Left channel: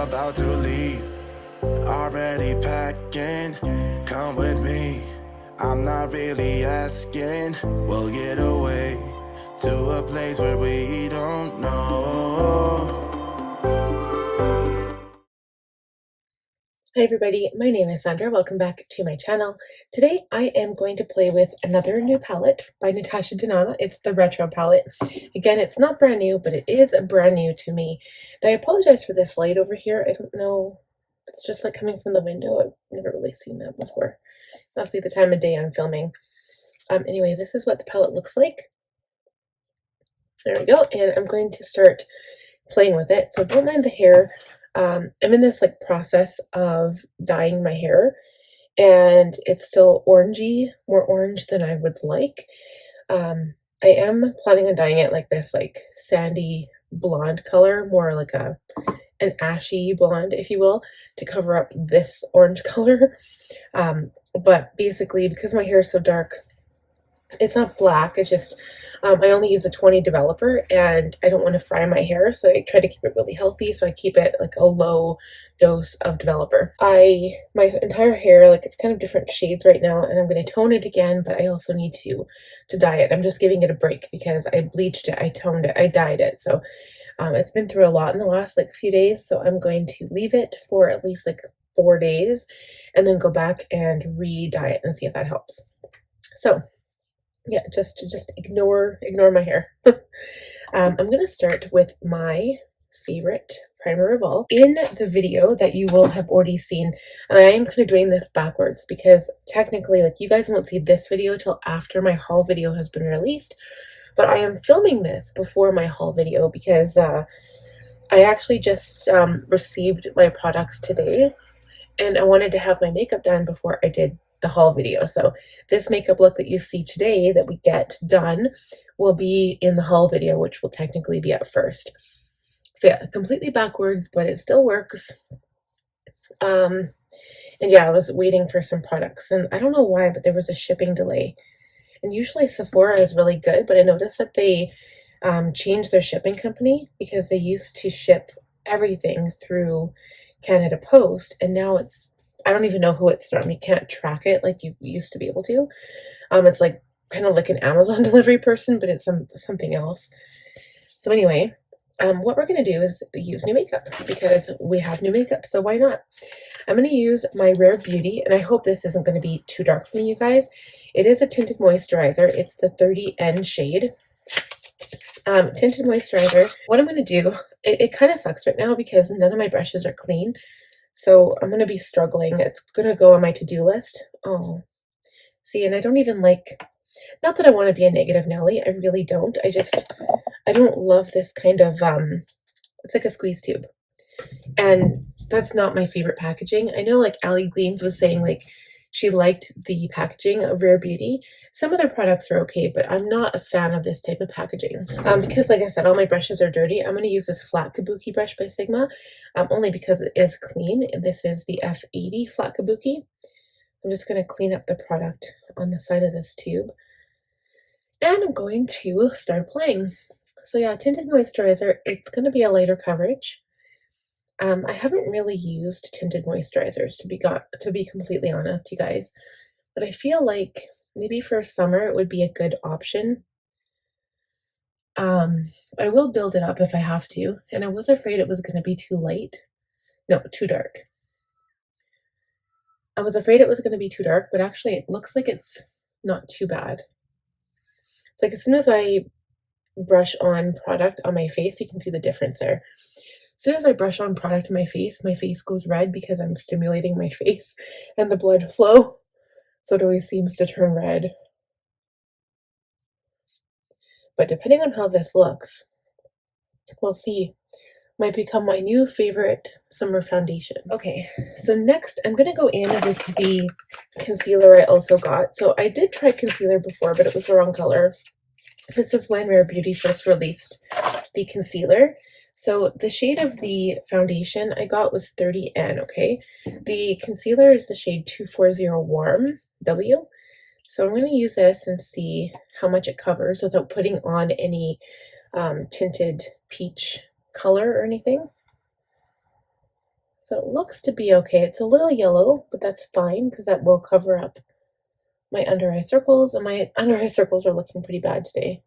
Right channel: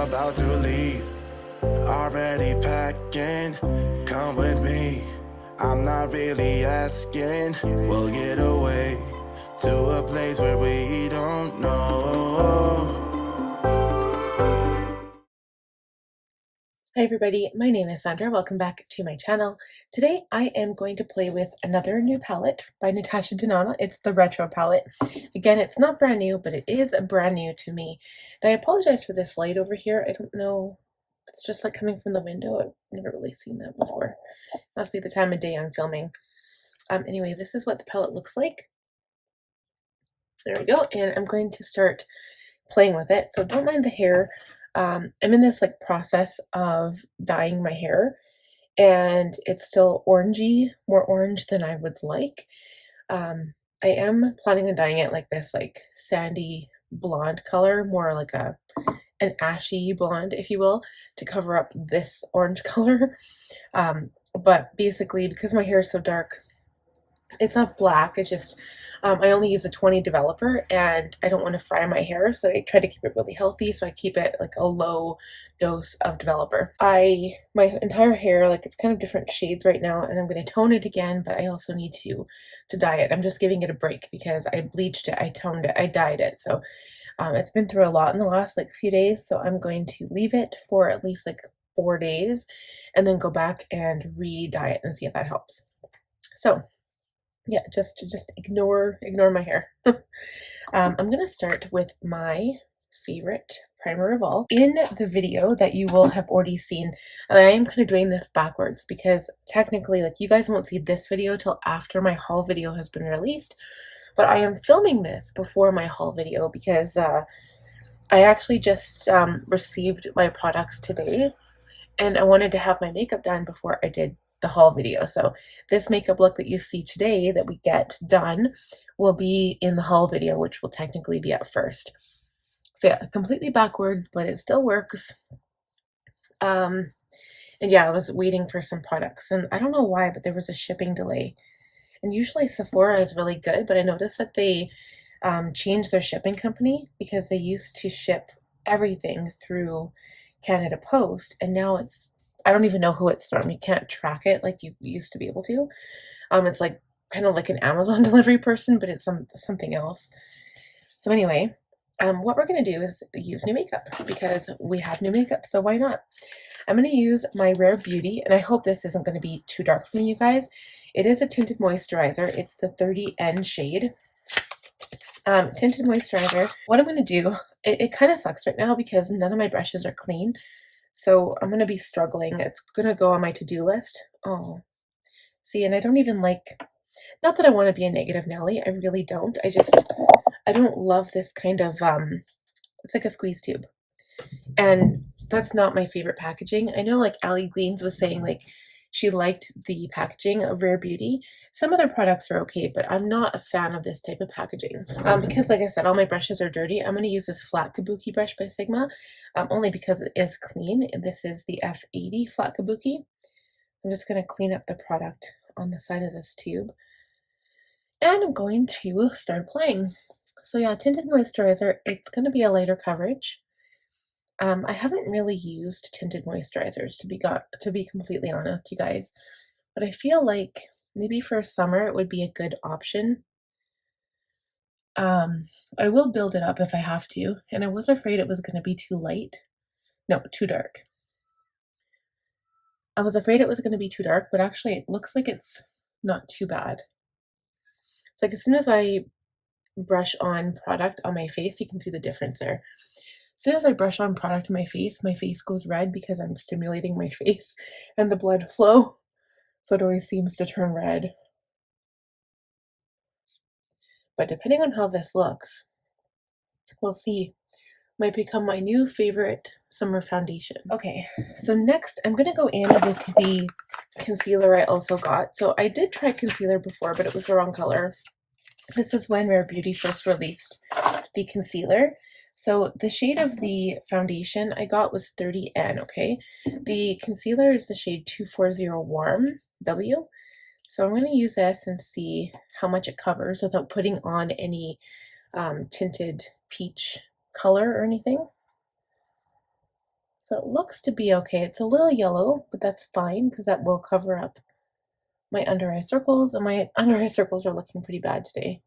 about to leave. Already packing, come with me. I'm not really asking. We'll get away to a place where we don't know. Hi everybody, my name is Sandra. Welcome back to my channel. Today I am going to play with another new palette by Natasha Denona. It's the Retro palette. Again, it's not brand new, but it is brand new to me. And I apologize for this light over here. I don't know, it's just like coming from the window. I've never really seen that before. Must be the time of day I'm filming. Anyway, this is what the palette looks like. There we go, and I'm going to start playing with it. So don't mind the hair. I'm in this like process of dyeing my hair, and it's still orangey, more orange than I would like. I am planning on dyeing it like this, like sandy blonde color, more like an ashy blonde, if you will, to cover up this orange color. But basically, because my hair is so dark, it's not black, it's just I only use a 20 developer and I don't want to fry my hair, so I try to keep it really healthy, so I keep it like a low dose of developer. My entire hair, like, it's kind of different shades right now, and I'm going to tone it again, but I also need to dye it. I'm just giving it a break because I bleached it, I toned it, I dyed it, so it's been through a lot in the last like few days, so I'm going to leave it for at least like 4 days and then go back and re-dye it and see if that helps. So yeah, just ignore my hair. I'm gonna start with my favorite primer of all. In the video that you will have already seen, and I am kind of doing this backwards because technically, like, you guys won't see this video till after my haul video has been released, but I am filming this before my haul video because I actually just received my products today, and I wanted to have my makeup done before I did the haul video. So this makeup look that you see today that we get done will be in the haul video, which will technically be at first. So yeah, completely backwards, but it still works. And yeah, I was waiting for some products, and I don't know why, but there was a shipping delay. And usually Sephora is really good, but I noticed that they changed their shipping company because they used to ship everything through Canada Post, and now it's, I don't even know who it's from. You can't track it like you used to be able to. It's like kind of like an Amazon delivery person, but it's something else. So anyway, what we're gonna do is use new makeup because we have new makeup, so why not? I'm gonna use my Rare Beauty, and I hope this isn't gonna be too dark for you guys. It is a tinted moisturizer. It's the 30N shade. Tinted moisturizer. What I'm gonna do, it kind of sucks right now because none of my brushes are clean. So I'm going to be struggling. It's going to go on my to-do list. Oh, see, and I don't even like, not that I want to be a negative Nelly. I really don't. I don't love this kind of, it's like a squeeze tube. And that's not my favorite packaging. I know like Allie Gleans was saying like she liked the packaging of Rare Beauty. Some of their products are okay, but I'm not a fan of this type of packaging. Because like I said, all my brushes are dirty. I'm going to use this flat kabuki brush by Sigma, only because it is clean. And this is the F80 flat kabuki. I'm just going to clean up the product on the side of this tube. And I'm going to start applying. So yeah, tinted moisturizer, it's going to be a lighter coverage. I haven't really used tinted moisturizers to be completely honest, you guys, but I feel like maybe for summer it would be a good option. I will build it up if I have to, and I was afraid it was going to be too light. No, too dark. I was afraid it was going to be too dark, but actually it looks like it's not too bad. It's like as soon as I brush on product on my face, you can see the difference there. As soon as I brush on product on my face goes red because I'm stimulating my face and the blood flow. So it always seems to turn red. But depending on how this looks, we'll see. Might become my new favorite summer foundation. Okay, so next I'm going to go in with the concealer I also got. So I did try concealer before, but it was the wrong color. This is when Rare Beauty first released the concealer. So the shade of the foundation I got was 30N, okay? The concealer is the shade 240 Warm W. So I'm going to use this and see how much it covers without putting on any tinted peach color or anything. So it looks to be okay. It's a little yellow, but that's fine because that will cover up my under eye circles, and my under eye circles are looking pretty bad today.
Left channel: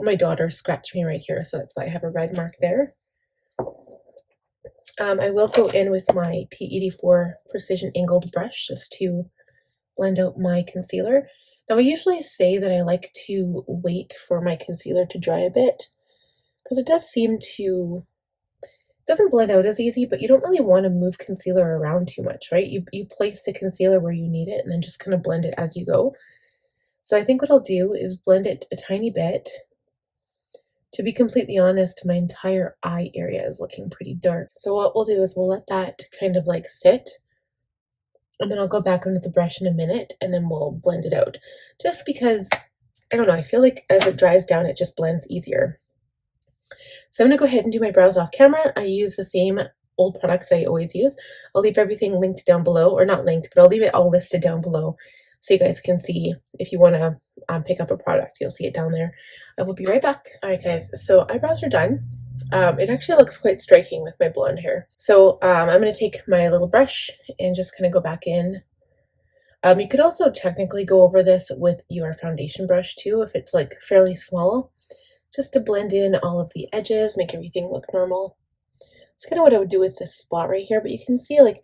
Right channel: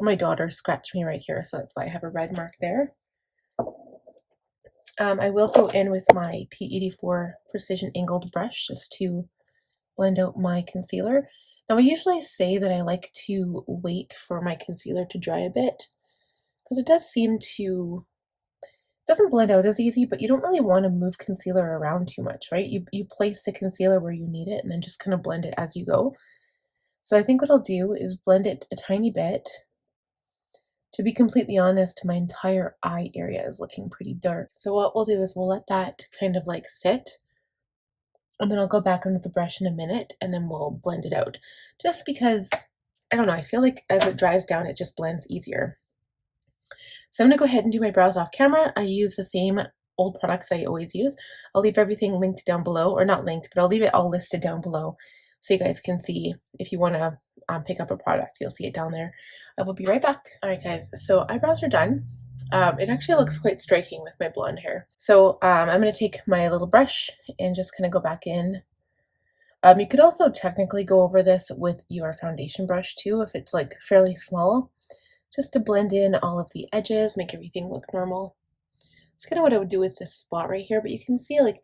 My daughter scratched me right here, so that's why I have a red mark there. I will go in with my P84 Precision Angled brush just to blend out my concealer. Now I usually say that I like to wait for my concealer to dry a bit because it does seem to, it doesn't blend out as easy, but you don't really want to move concealer around too much, right? You place the concealer where you need it and then just kind of blend it as you go. So I think what I'll do is blend it a tiny bit. To be completely honest, my entire eye area is looking pretty dark. So what we'll do is we'll let that kind of like sit, and then I'll go back under the brush in a minute and then we'll blend it out. Just because, I don't know, I feel like as it dries down, it just blends easier. So I'm gonna go ahead and do my brows off camera. I use the same old products I always use. I'll leave everything linked down below, or not linked, but I'll leave it all listed down below so you guys can see if you wanna pick up a product, you'll see it down there. I will be right back. All right, guys, so eyebrows are done. It actually looks quite striking with my blonde hair. So I'm going to take my little brush and just kind of go back in. You could also technically go over this with your foundation brush too, if it's like fairly small, just to blend in all of the edges, make everything look normal. It's kind of what I would do with this spot right here, but you can see like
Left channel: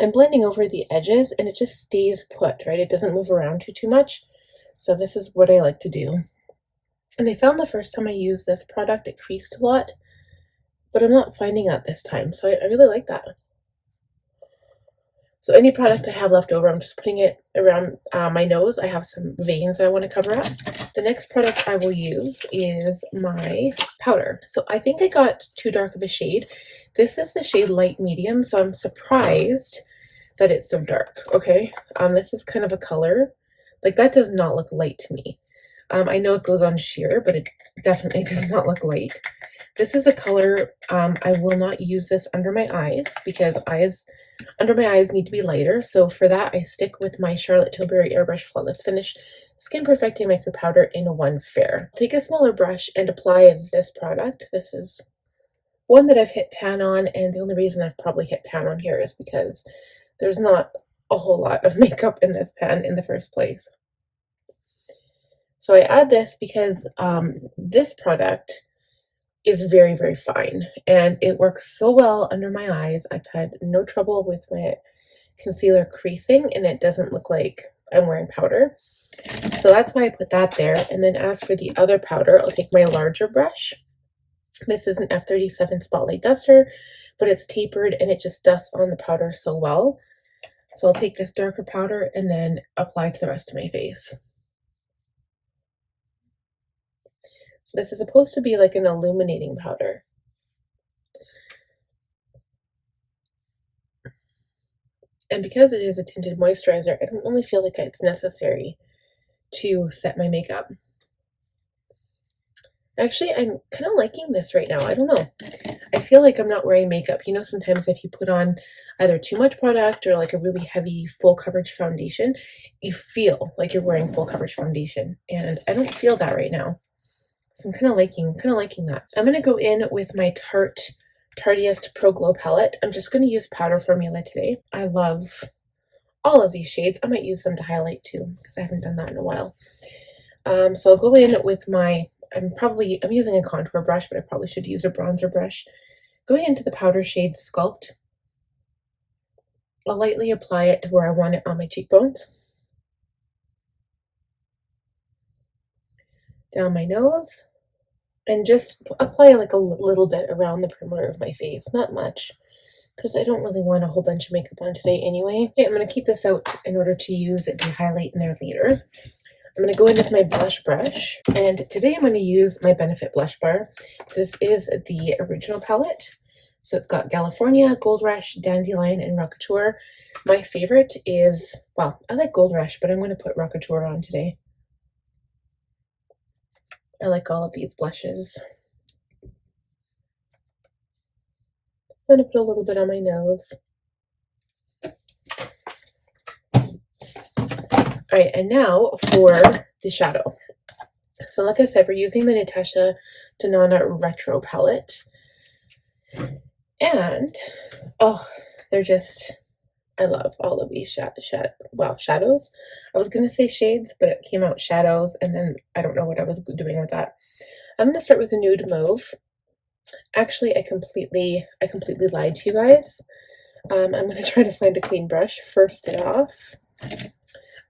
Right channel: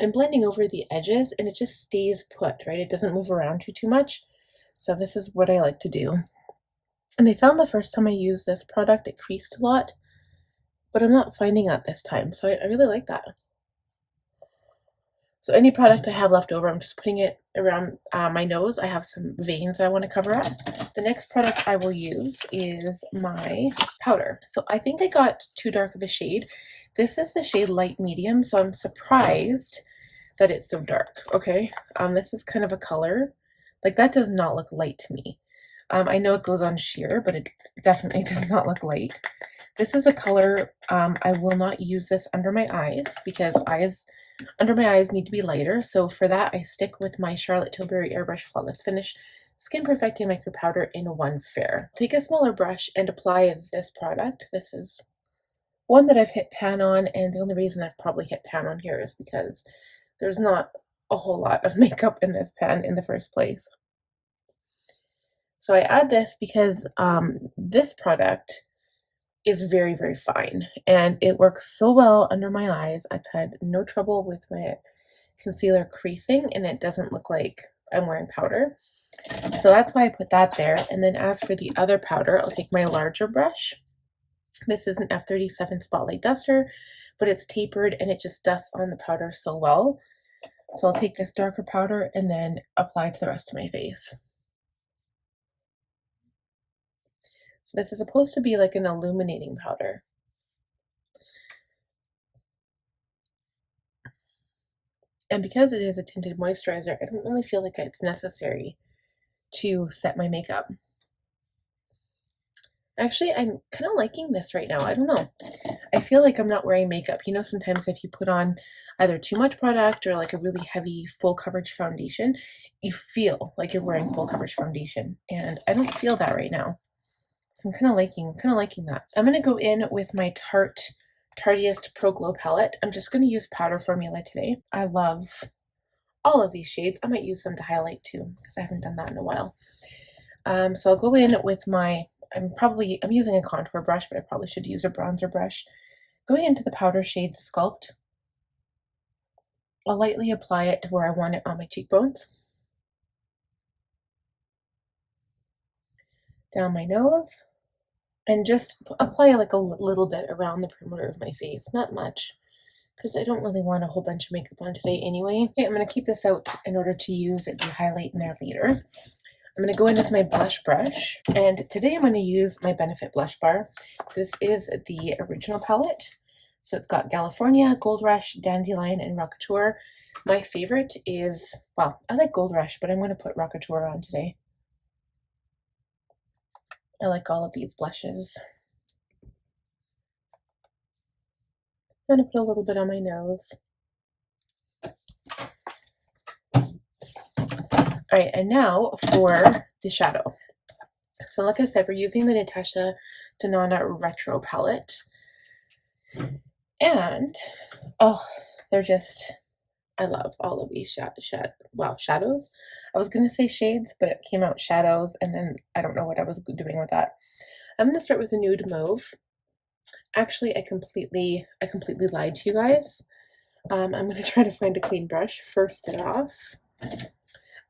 I'm blending over the edges and it just stays put, right? It doesn't move around too much. So this is what I like to do. And I found the first time I used this product, it creased a lot, but I'm not finding that this time. So I really like that. So any product I have left over, I'm just putting it around my nose. I have some veins that I want to cover up. The next product I will use is my powder. So I think I got too dark of a shade. This is the shade light medium, so I'm surprised that it's so dark, okay? This is kind of a color. Like that does not look light to me. I know it goes on sheer, but it definitely does not look light. This is a color, I will not use this under my eyes because under my eyes need to be lighter. So for that, I stick with my Charlotte Tilbury Airbrush Flawless Finish Skin Perfecting Micro Powder in One Fair. Take a smaller brush and apply this product. This is one that I've hit pan on, and the only reason I've probably hit pan on here is because there's not a whole lot of makeup in this pan in the first place. So I add this because this product is very, very fine and it works so well under my eyes. I've had no trouble with my concealer creasing and it doesn't look like I'm wearing powder. So that's why I put that there. And then as for the other powder, I'll take my larger brush. This is an F37 Spotlight Duster, but it's tapered and it just dusts on the powder so well. So I'll take this darker powder and then apply to the rest of my face. So this is supposed to be like an illuminating powder. And because it is a tinted moisturizer, I don't really feel like it's necessary to set my makeup. Actually, I'm kind of liking this right now. I don't know. I feel like I'm not wearing makeup. You know, sometimes if you put on either too much product or like a really heavy full coverage foundation, you feel like you're wearing full coverage foundation. And I don't feel that right now. So I'm kind of liking that. I'm going to go in with my Tarte Tartiest Pro Glow palette. I'm just going to use powder formula today. I love all of these shades. I might use some to highlight too because I haven't done that in a while. So I'll go in with my, I'm using a contour brush, but I probably should use a bronzer brush. Going into the powder shade Sculpt, I'll lightly apply it to where I want it on my cheekbones. Down my nose, and just apply like a little bit around the perimeter of my face, not much, because I don't really want a whole bunch of makeup on today anyway. Okay, I'm going to keep this out in order to use it to highlight in there later. I'm going to go in with my blush brush, and today I'm going to use my Benefit blush bar. This is the original palette, so it's got California, Gold Rush, Dandelion, and Rockateur. My favorite is, well, I like Gold Rush, but I'm going to put Rockateur on today. I like all of these blushes. I'm going to put a little bit on my nose. All right, and now for the shadow. So like I said, we're using the Natasha Denona Retro palette. And, oh, they're just, I love all of these shadows. I was going to say shades, but it came out shadows, and then I don't know what I was doing with that. I'm going to start with a nude mauve. Actually, I completely lied to you guys. I'm going to try to find a clean brush. First off,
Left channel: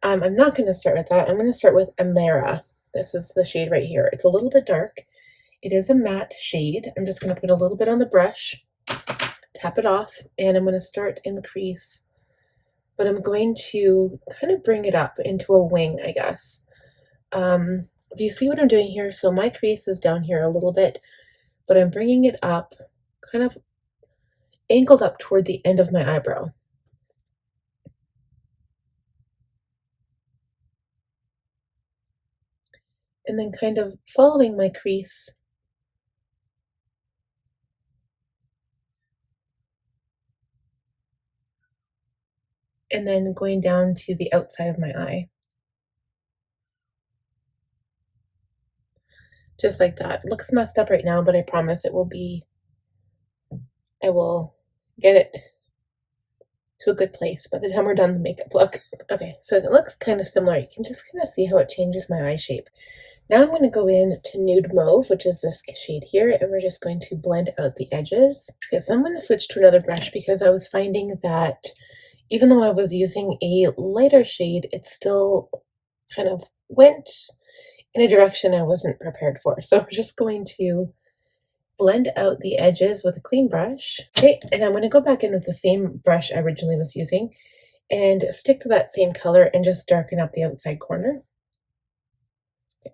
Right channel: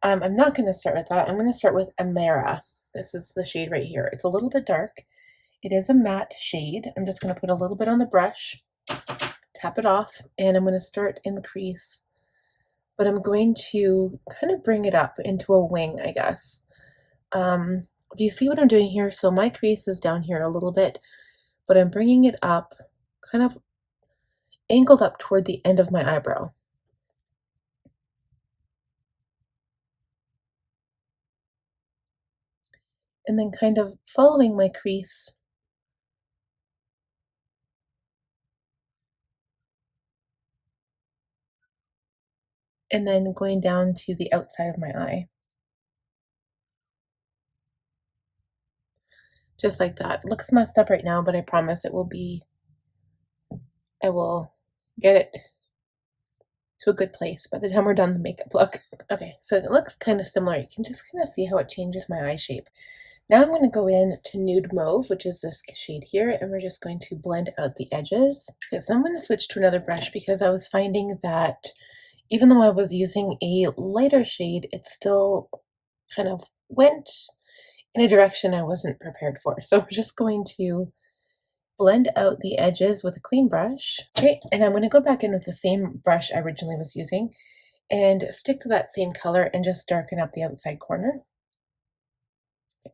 I'm not going to start with that. I'm going to start with Amara. This is the shade right here. It's a little bit dark. It is a matte shade. I'm just going to put a little bit on the brush, tap it off, and I'm going to start in the crease. But I'm going to kind of bring it up into a wing, I guess. Do you see what I'm doing here? So my crease is down here a little bit, but I'm bringing it up, kind of angled up toward the end of my eyebrow. And then kind of following my crease. And then going down to the outside of my eye. Just like that. It looks messed up right now, but I promise it will be, I will get it to a good place by the time we're done the makeup look. Okay, so it looks kind of similar. You can just kind of see how it changes my eye shape. Now I'm going to go in to Nude Mauve, which is this shade here, and we're just going to blend out the edges. Okay, so I'm going to switch to another brush because I was finding that even though I was using a lighter shade, it still kind of went in a direction I wasn't prepared for. So we're just going to blend out the edges with a clean brush. Okay, and I'm going to go back in with the same brush I originally was using and stick to that same color and just darken up the outside corner.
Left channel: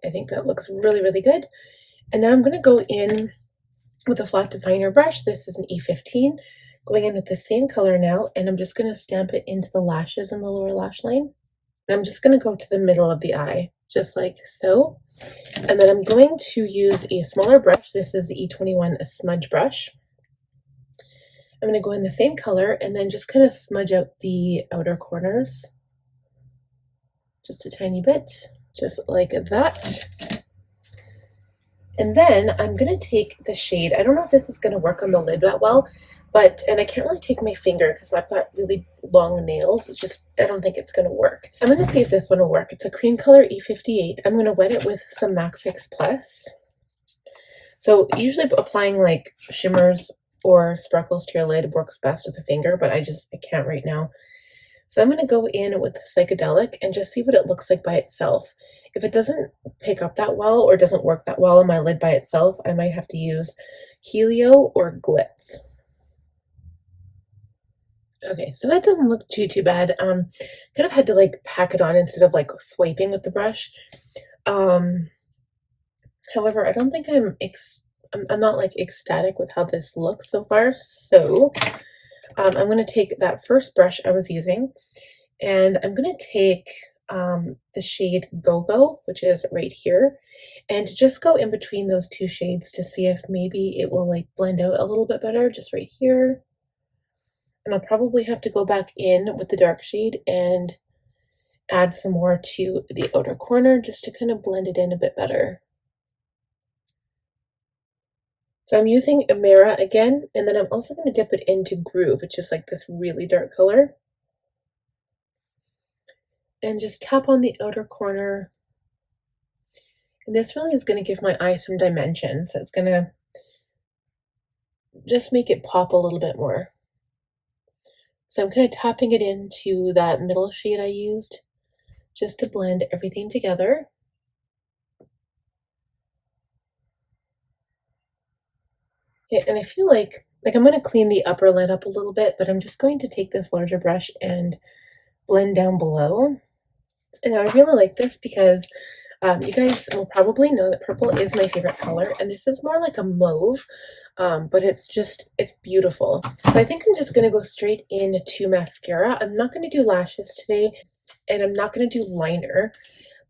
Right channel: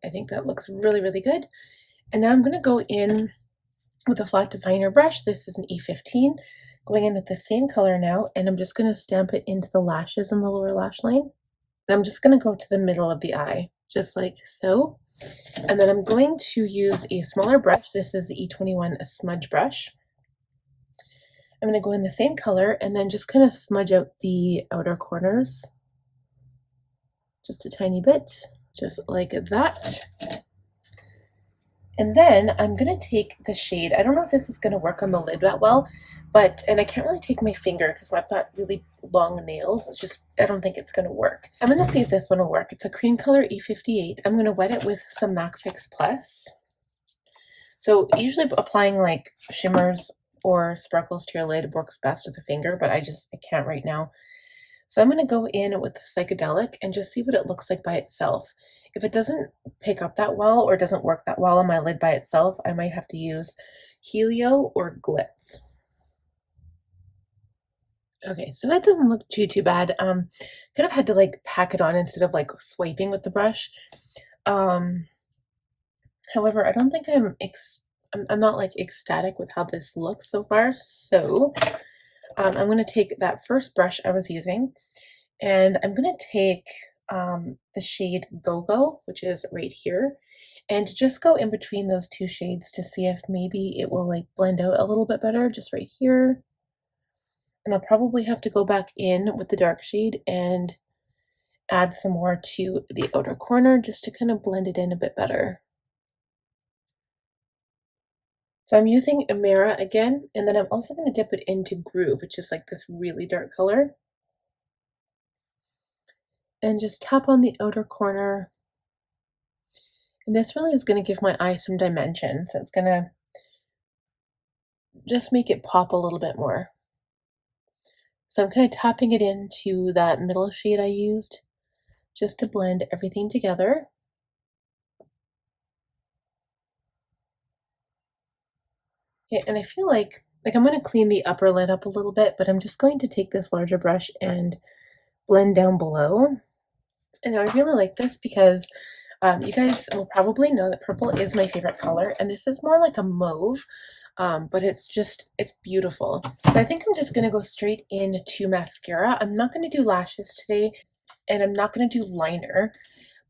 I think that looks really, really good. And now I'm going to go in with a flat definer brush. This is an E15. Going in with the same color now, and I'm just going to stamp it into the lashes on the lower lash line. And I'm just going to go to the middle of the eye, just like so. And then I'm going to use a smaller brush. This is the E21 smudge brush. I'm going to go in the same color and then just kind of smudge out the outer corners. Just a tiny bit, just like that. And then I'm going to take the shade. I don't know if this is going to work on the lid that well, and I can't really take my finger because I've got really long nails. It's just, I don't think it's going to work. I'm going to see if this one will work. It's a cream color E58. I'm going to wet it with some MAC Fix Plus. So usually applying like shimmers or sparkles to your lid works best with a finger, but I can't right now. So I'm going to go in with the Psychedelic and just see what it looks like by itself. If it doesn't pick up that well or doesn't work that well on my lid by itself, I might have to use Helio or Glitz. Okay, so that doesn't look too bad. Could have had to like pack it on instead of like swiping with the brush. However, I don't think I'm not like ecstatic with how this looks so far. So I'm going to take that first brush I was using, and I'm going to take the shade Go-Go, which is right here, and just go in between those two shades to see if maybe it will like blend out a little bit better, just right here. And I'll probably have to go back in with the dark shade and add some more to the outer corner just to kind of blend it in a bit better. So I'm using Amara again, and then I'm also going to dip it into Groove, which is like this really dark color. And just tap on the outer corner. And this really is going to give my eye some dimension. So it's going to just make it pop a little bit more. So I'm kind of tapping it into that middle shade I used just to blend everything together. Yeah, and I feel like I'm going to clean the upper lid up a little bit, but I'm just going to take this larger brush and blend down below. And I really like this because you guys will probably know that purple is my favorite color, and this is more like a mauve, but it's beautiful. So I think I'm just going to go straight into mascara. I'm not going to do lashes today, and I'm not going to do liner,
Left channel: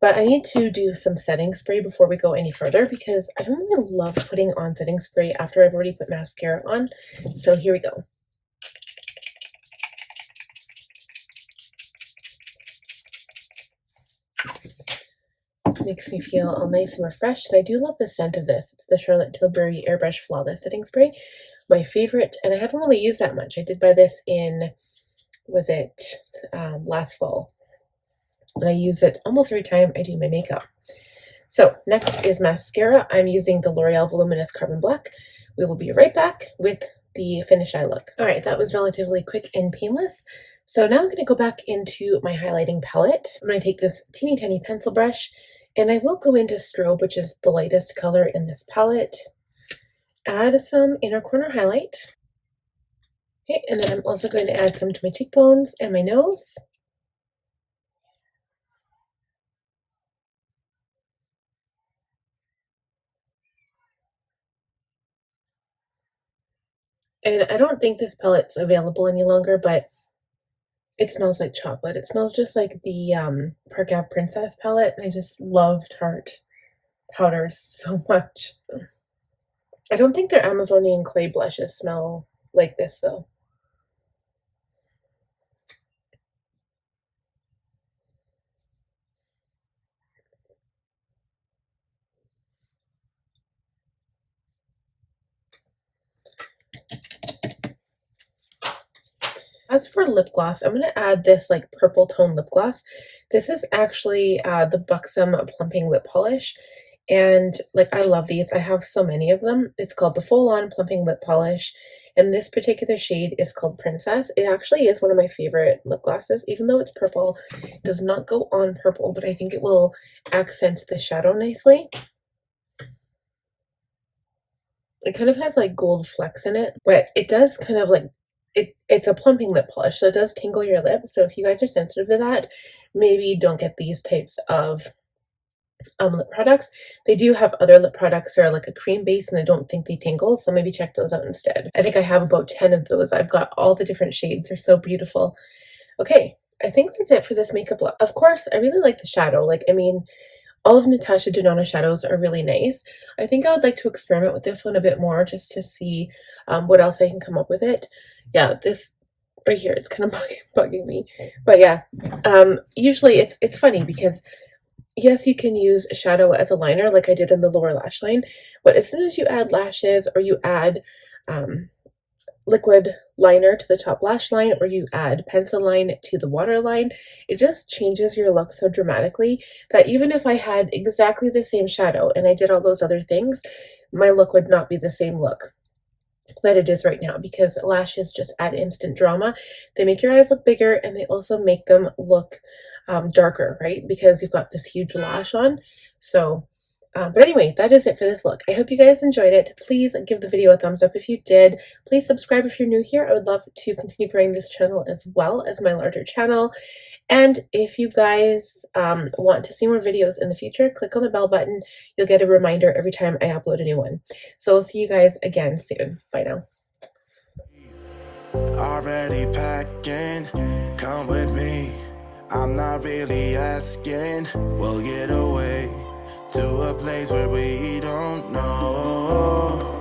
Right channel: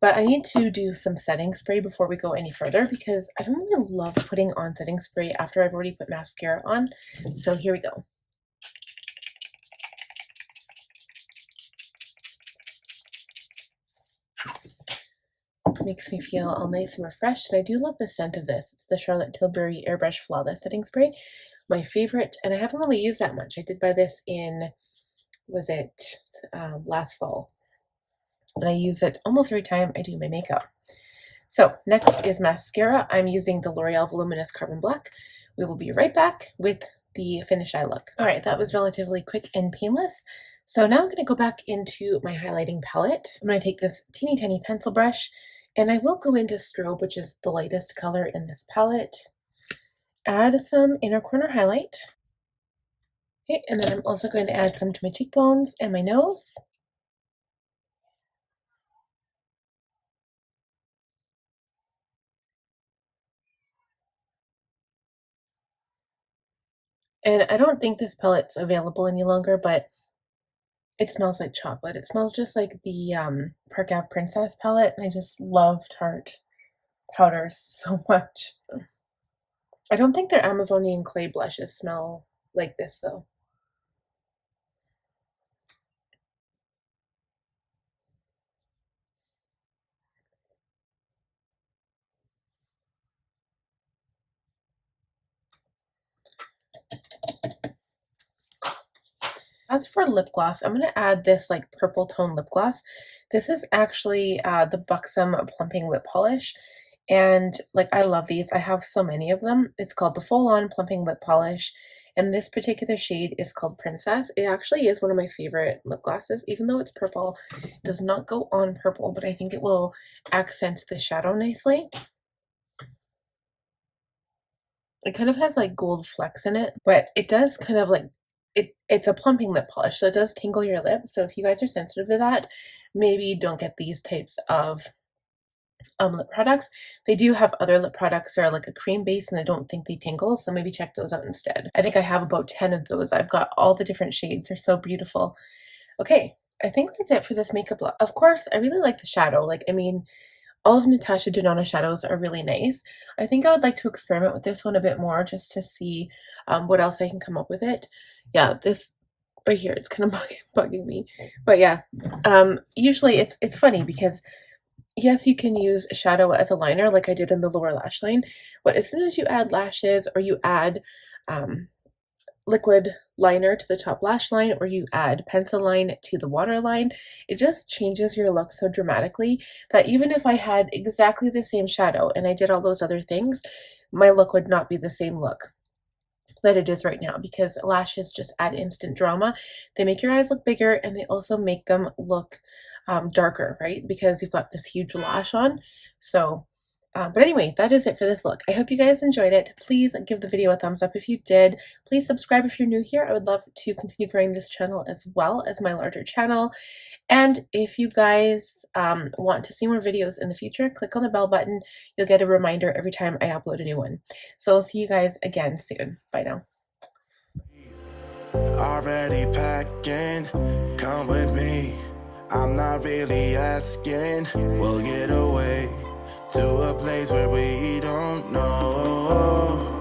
but I need to do some setting spray before we go any further because I don't really love putting on setting spray after I've already put mascara on. So here we go. Makes me feel all nice and refreshed. And I do love the scent of this. It's the Charlotte Tilbury Airbrush Flawless Setting Spray. My favorite, and I haven't really used that much. I did buy this in, was it last fall? And I use it almost every time I do my makeup. So next is mascara. I'm using the L'Oreal Voluminous Carbon Black. We will be right back with the finished eye look. All right, that was relatively quick and painless. So now I'm going to go back into my highlighting palette. I'm going to take this teeny tiny pencil brush, and I will go into Strobe, which is the lightest color in this palette. Add some inner corner highlight. Okay, and then I'm also going to add some to my cheekbones and my nose. And I don't think this palette's available any longer, but it smells like chocolate. It smells just like the Park Ave Princess palette. I just love Tarte powders so much. I don't think their Amazonian clay blushes smell like this though. As for lip gloss, I'm going to add this like purple tone lip gloss. This is actually the Buxom Plumping Lip Polish. And like, I love these. I have so many of them. It's called the Full On Plumping Lip Polish. And this particular shade is called Princess. It actually is one of my favorite lip glosses, even though it's purple. It does not go on purple, but I think it will accent the shadow nicely. It kind of has like gold flecks in it, but it does kind of like, it's a plumping lip polish, so it does tingle your lip. So if you guys are sensitive to that, maybe don't get these types of lip products. They do have other lip products that are like a cream base and I don't think they tingle, so maybe check those out instead. I think I have about 10 of those. I've got all the different shades. They're so beautiful. Okay, I think that's it for this makeup look. Of course, I really like the shadow. Like, I mean, all of Natasha Denona shadows are really nice. I think I would like to experiment with this one a bit more just to see what else I can come up with it. Yeah, this right here, it's kind of bugging me. But yeah, usually it's funny because yes, you can use shadow as a liner like I did in the lower lash line, but as soon as you add lashes or you add liquid liner to the top lash line or you add pencil line to the waterline, it just changes your look so dramatically that even if I had exactly the same shadow and I did all those other things, my look would not be the same look that it is right now, because lashes just add instant drama. They make your eyes look bigger and they also make them look darker, right? Because you've got this huge lash on. So but anyway, that is it for this look. I hope you guys enjoyed it. Please give the video a thumbs up if you did. Please subscribe if you're new here. I would love to continue growing this channel as well as my larger channel. And if you guys want to see more videos in the future, click on the bell button. You'll get a reminder every time I upload a new one. So I'll see you guys again soon. Bye now. Already packing, come with me. I'm not really asking, we'll get away to a place where we don't know.